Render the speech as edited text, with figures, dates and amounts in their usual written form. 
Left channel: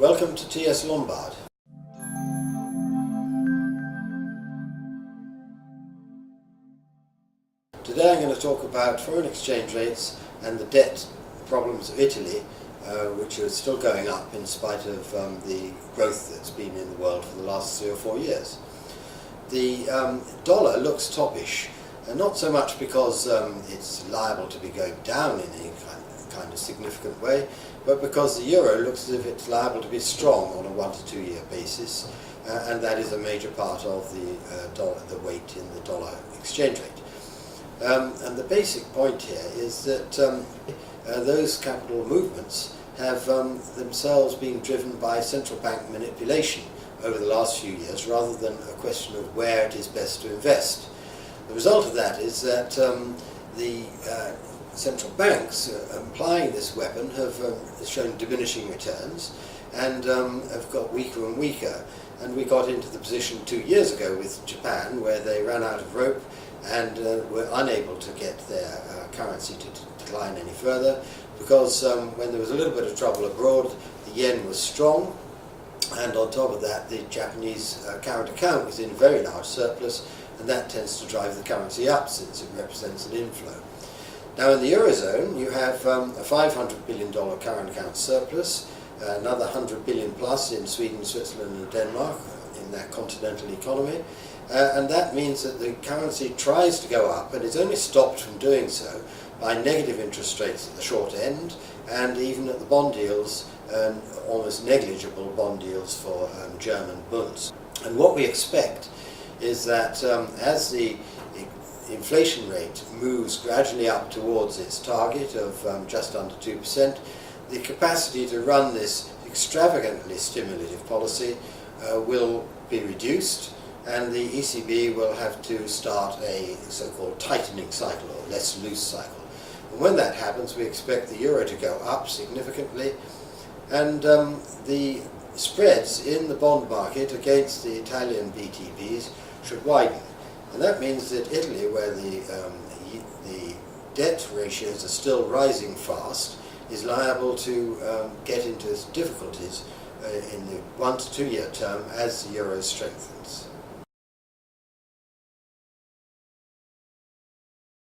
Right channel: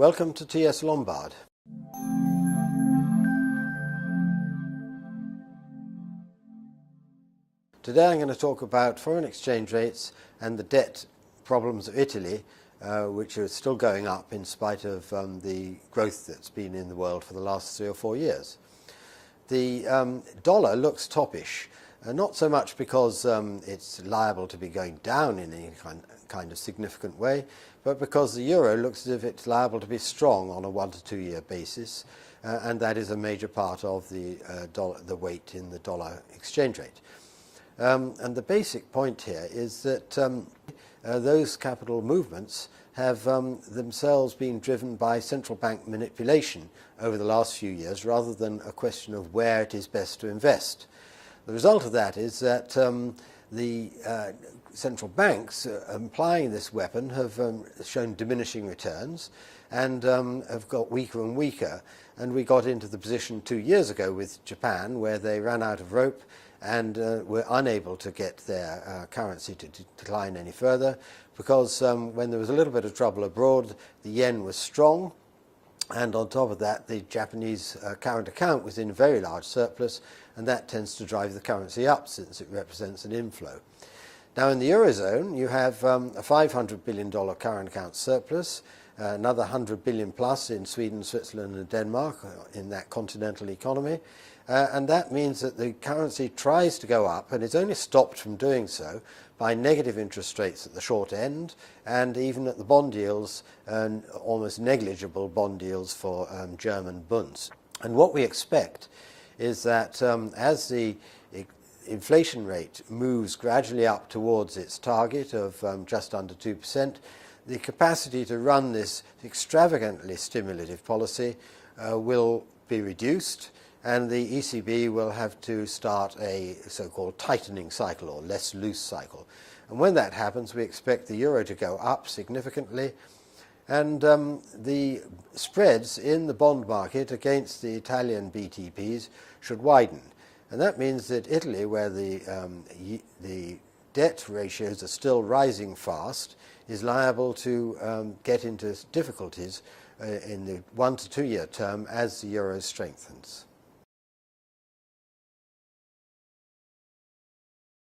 Welcome to TS Lombard. Today I'm going to talk about foreign exchange rates and the debt problems of Italy, which are still going up in spite of the growth that's been in the world for the last 3 or 4 years. The dollar looks toppish, not so much because it's liable to be going down in any kind of significant way, but because the euro looks as if it's liable to be strong on a 1 to 2 year basis, and that is a major part of the weight in the dollar exchange rate. And the basic point here is that those capital movements have themselves been driven by central bank manipulation over the last few years rather than a question of where it is best to invest. The result of that is that the central banks applying this weapon have shown diminishing returns and have got weaker and weaker. And we got into the position 2 years ago with Japan where they ran out of rope and were unable to get their currency to decline any further because when there was a little bit of trouble abroad, the yen was strong, and on top of that the Japanese current account was in a very large surplus, and that tends to drive the currency up since it represents an inflow. Now in the Eurozone you have a $500 billion current account surplus, another 100 billion plus in Sweden, Switzerland and Denmark in that continental economy, and that means that the currency tries to go up and is only stopped from doing so by negative interest rates at the short end, and even at the bond yields, almost negligible bond yields for German bunds. And what we expect is that as the inflation rate moves gradually up towards its target of just under 2%, the capacity to run this extravagantly stimulative policy will be reduced, and the ECB will have to start a so-called tightening cycle, or less loose cycle. And when that happens, we expect the euro to go up significantly, and the spreads in the bond market against the Italian BTPs should widen. And that means that Italy, where the debt ratios are still rising fast, is liable to get into difficulties in the 1 to 2 year term as the euro strengthens.